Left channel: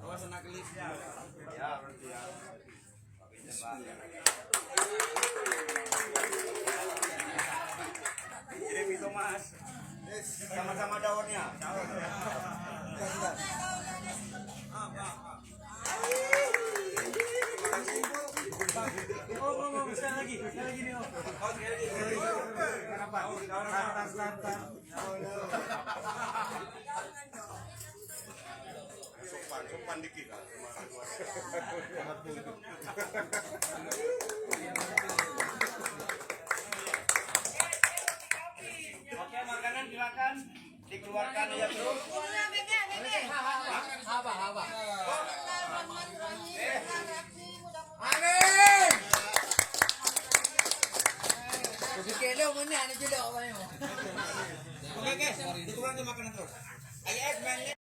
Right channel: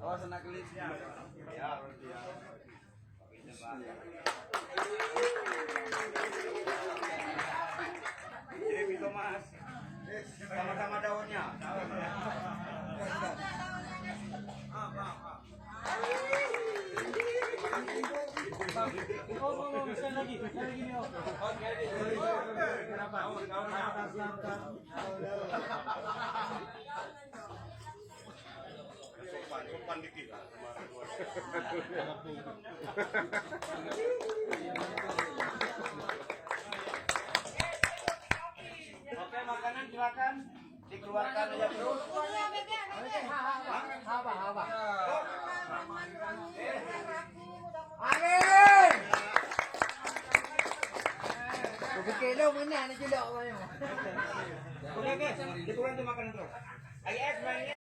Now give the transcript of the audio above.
Awas anak kelip. Ya. Kirim itu Mas. Sama-sama daunnya. Oh, sekali lagi nih Om. Kenapa? Sopan dikit. Oke, makanan silakan dikeluarkan aja terus. Haba. Amin. Kilo mana nak jelok apa ni? Oke, dikurang makanan terus. Ayo,